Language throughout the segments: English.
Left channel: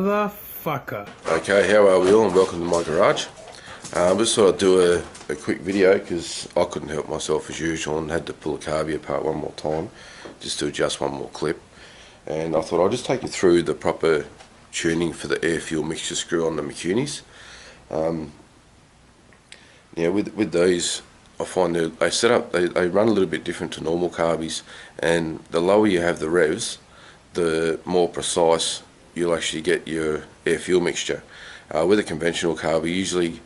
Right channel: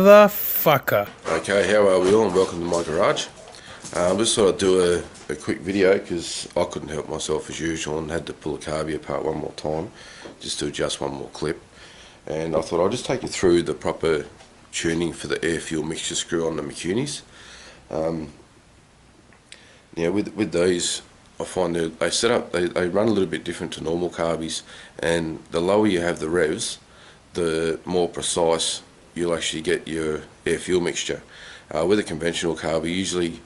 Motherfucker. Okay, how are we all, and welcome to my garage. Just thought I'd do a quick video because I couldn't help myself as usual and had to pull a carby apart one more time just to adjust one more clip. And I thought I'll just take you through the proper tuning for the air fuel mixture screw on the Mikunis. Now with these, I find that they run a little bit different to normal carbies, and the lower you have the revs, the more precise you'll actually get your air fuel mixture. With a conventional carby, usually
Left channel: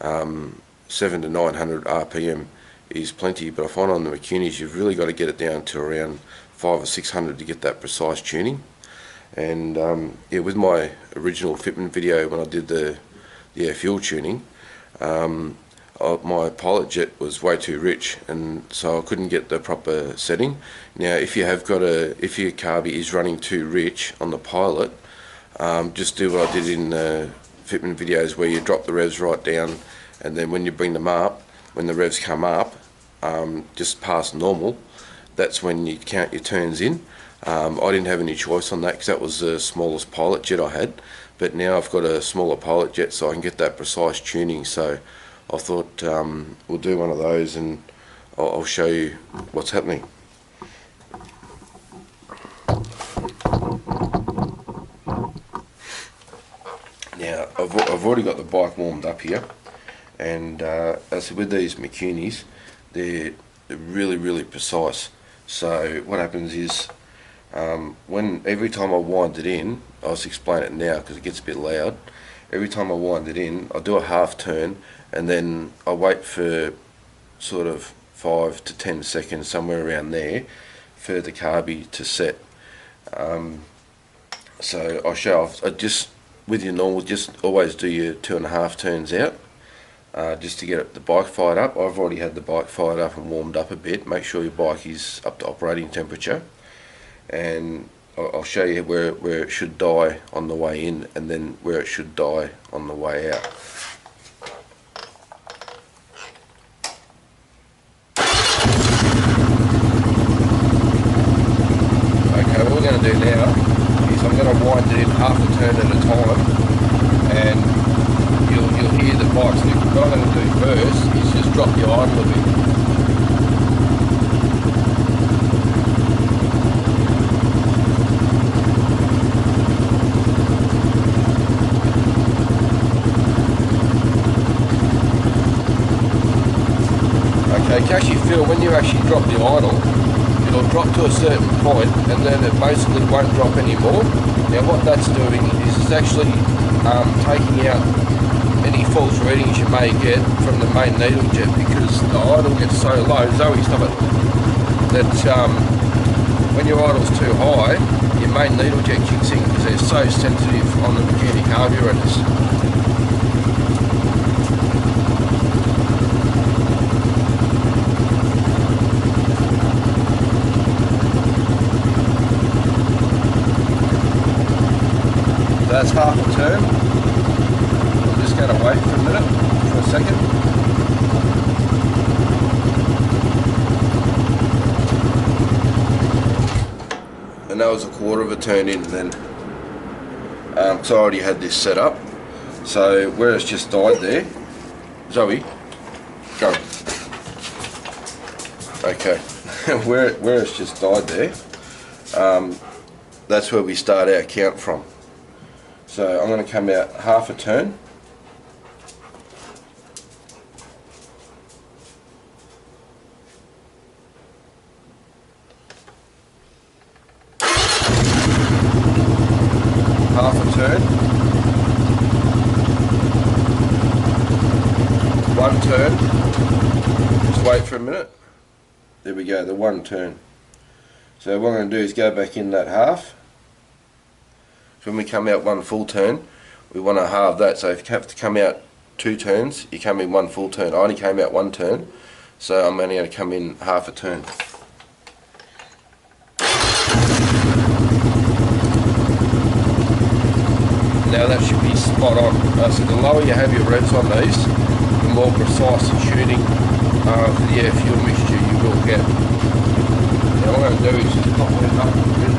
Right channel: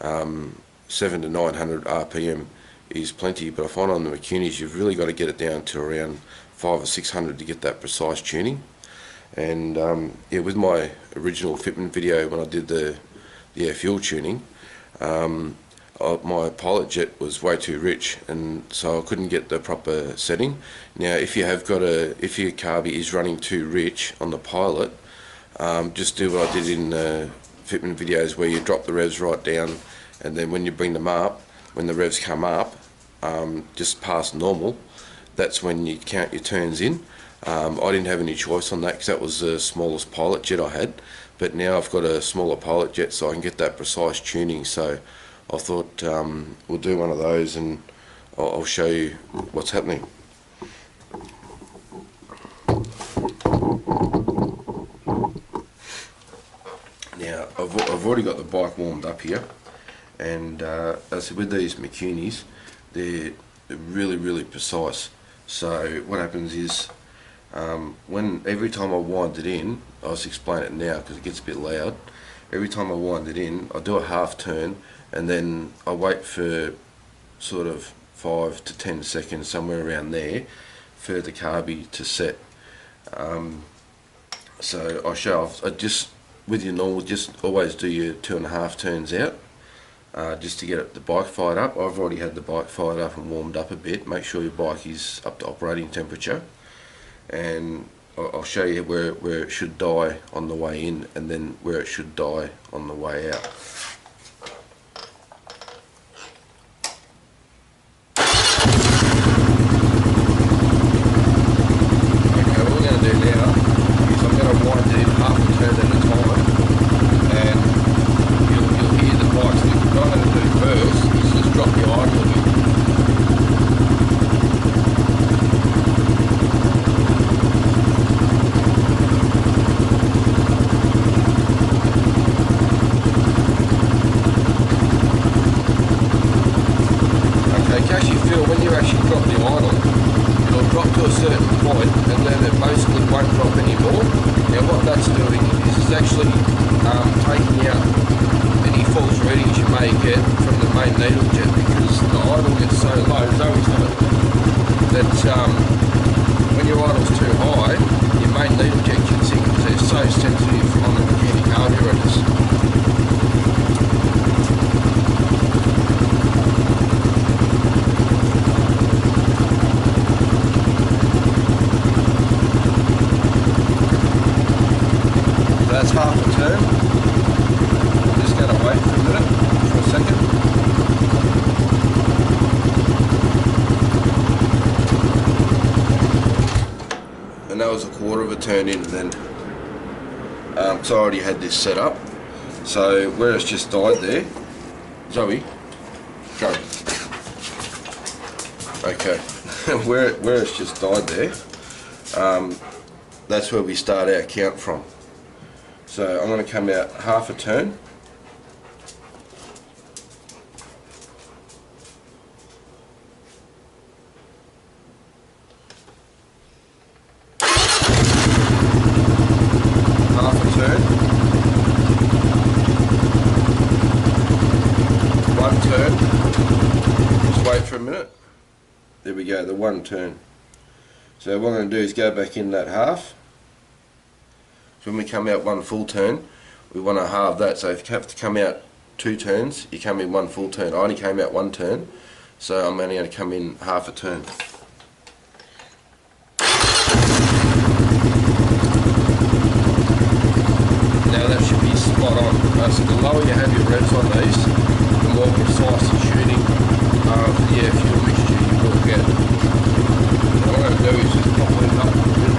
700 to 900 RPM is plenty, but I find on the Mikunis you've really got to get it down to around 500 or 600 to get that precise tuning. And yeah, with my original fitment video when I did the air fuel tuning, my pilot jet was way too rich, and so I couldn't get the proper setting. Now if your carby is running too rich on the pilot, just do what I did in fitment videos where you drop the revs right down, and then when you bring them up, when the revs come up just past normal, that's when you count your turns in. I didn't have any choice on that because that was the smallest pilot jet I had, but now I've got a smaller pilot jet so I can get that precise tuning. So I thought we'll do one of those and I'll show you what's happening. Now I've already got the bike warmed up here, and as I said, with these Mikunis, they're really precise. So what happens is every time I wind it in, I'll just explain it now because it gets a bit loud. Every time I wind it in, I do a half turn, and then I wait for sort of 5 to 10 seconds, somewhere around there, for the carby to set. So I show off. With your normal, just always do your 2.5 turns out, just to get the bike fired up. I've already had the bike fired up and warmed up a bit. Make sure your bike is up to operating temperature, and I'll show you where it should die on the way in, and then where it should die on the way out. Okay, what we're going to do now is I'm going to wind it in half a turn at a time, and you'll hear the bike slip. What I'm going to do first is just drop the idle a bit. Okay, you can actually feel when you actually drop the idle, it'll drop to a certain point and then it basically won't drop anymore. Now what that's doing is it's actually taking out any false readings you may get from the main needle jet, because the idle gets so low, Zoe, stop it, that when your idle's too high, your main needle jet kicks in because they're so sensitive on the Mikuni carburetors. That's half a turn. I'm just going to wait for a minute, for a second. And that was a quarter of a turn in then. So I already had this set up. So where it's just died there, Zoe, go. Okay, where it's just died there, that's where we start our count from. So I'm going to come out half a turn. Half a turn. One turn. Just wait for a minute. There we go, the one turn. So what I'm going to do is go back in that half. So when we come out one full turn, we want to halve that. So if you have to come out 2 turns, you come in 1 full turn. I only came out 1 turn, so I'm only going to come in half a turn. Now that should be spot on. So the lower you have your revs on these, the more precise the tuning for the air fuel mixture you will get. Now what I'm going to do is just pop it up a bit.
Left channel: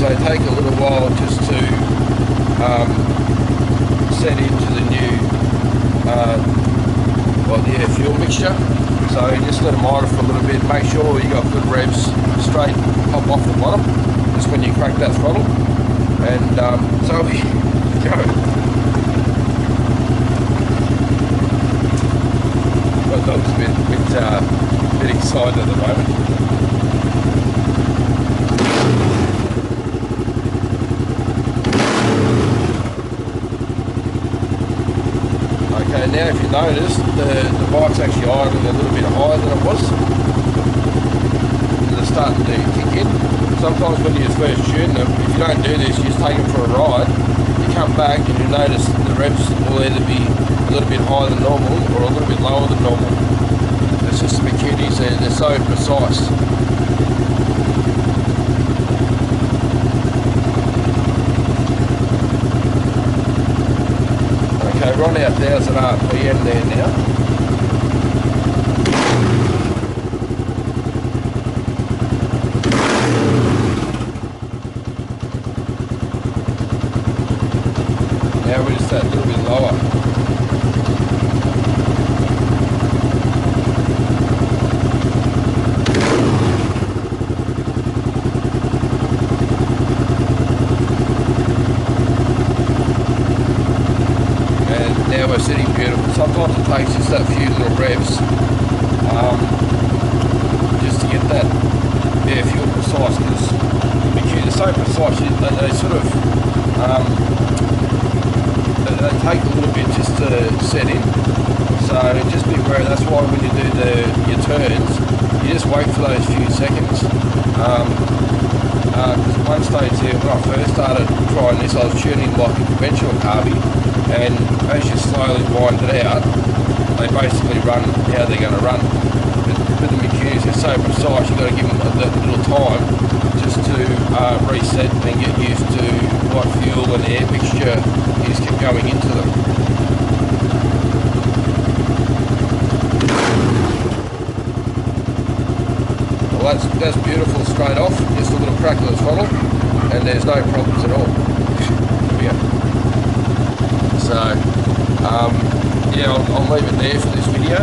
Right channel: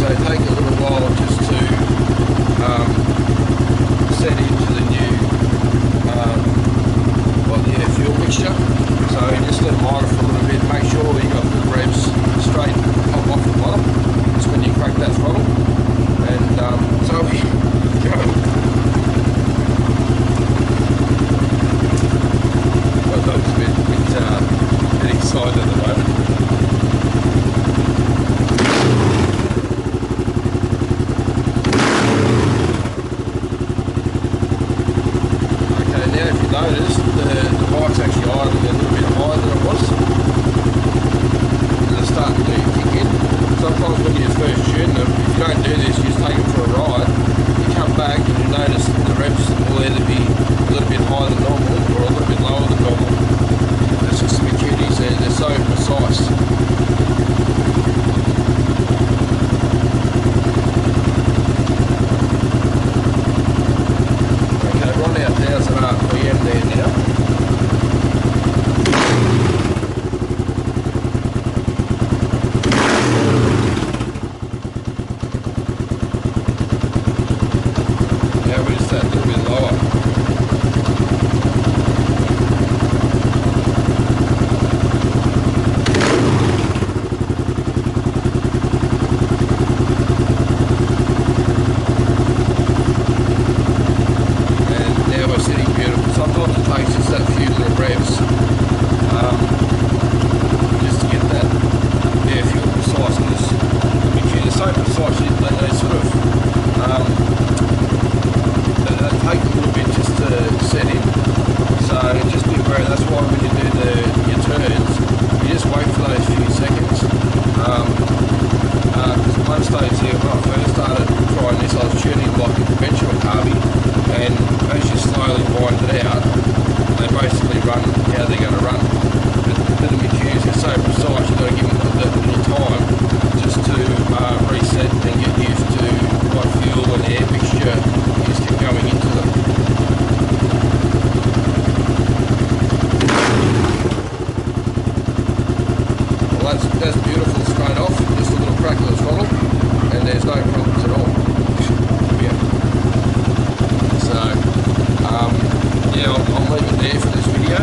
is they take a little while just to set into the new the air fuel mixture. So just let them idle for a little bit, make sure you got good revs straight pop off the bottom. That's when you crack that throttle, and so we go. My dog's a bit excited at the moment. Okay, now if you notice, the bike's actually idling a little bit higher than it was. It's starting to kick in. Sometimes when you first tune them, if you don't do this, you just take them for a ride, you come back and you notice the revs will either be a little bit higher than normal or a little bit lower than normal. That's just the Mikunis, they're so precise. Okay, we're on our 1000 RPM there now. Now we're just a little bit lower. And now we're sitting beautiful. Sometimes it takes just that few little revs just to get that air fuel precise, because the Mikuni are so precise, they sort of they take a little bit just to set in, so just be aware. That's why when you do your turns, you just wait for those few seconds. Because at one stage there, when I first started trying this, I was tuning like a conventional carby, and as you slowly wind it out, they basically run how they're going to run. But the Mikunis are so precise, you've got to give them a little time just to reset and get used to what fuel and air mixture is going into them. Well, that's beautiful straight off, just a little crack of the throttle, and there's no problems at all. Yeah. So, yeah, I'll leave it there for this video.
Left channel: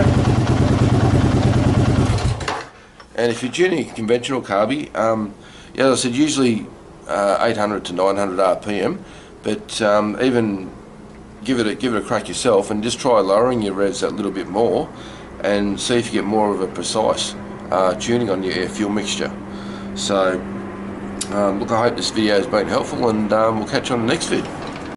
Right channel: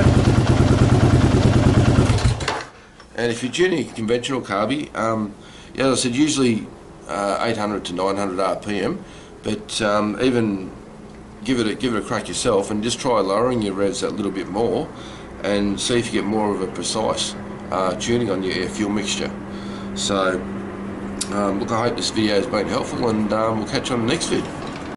And if you're tuning a conventional carby, yeah, as I said, usually 800 to 900 RPM, but even give it a crack yourself and just try lowering your revs that little bit more and see if you get more of a precise tuning on your air fuel mixture. So look, I hope this video has been helpful, and we'll catch you on the next vid.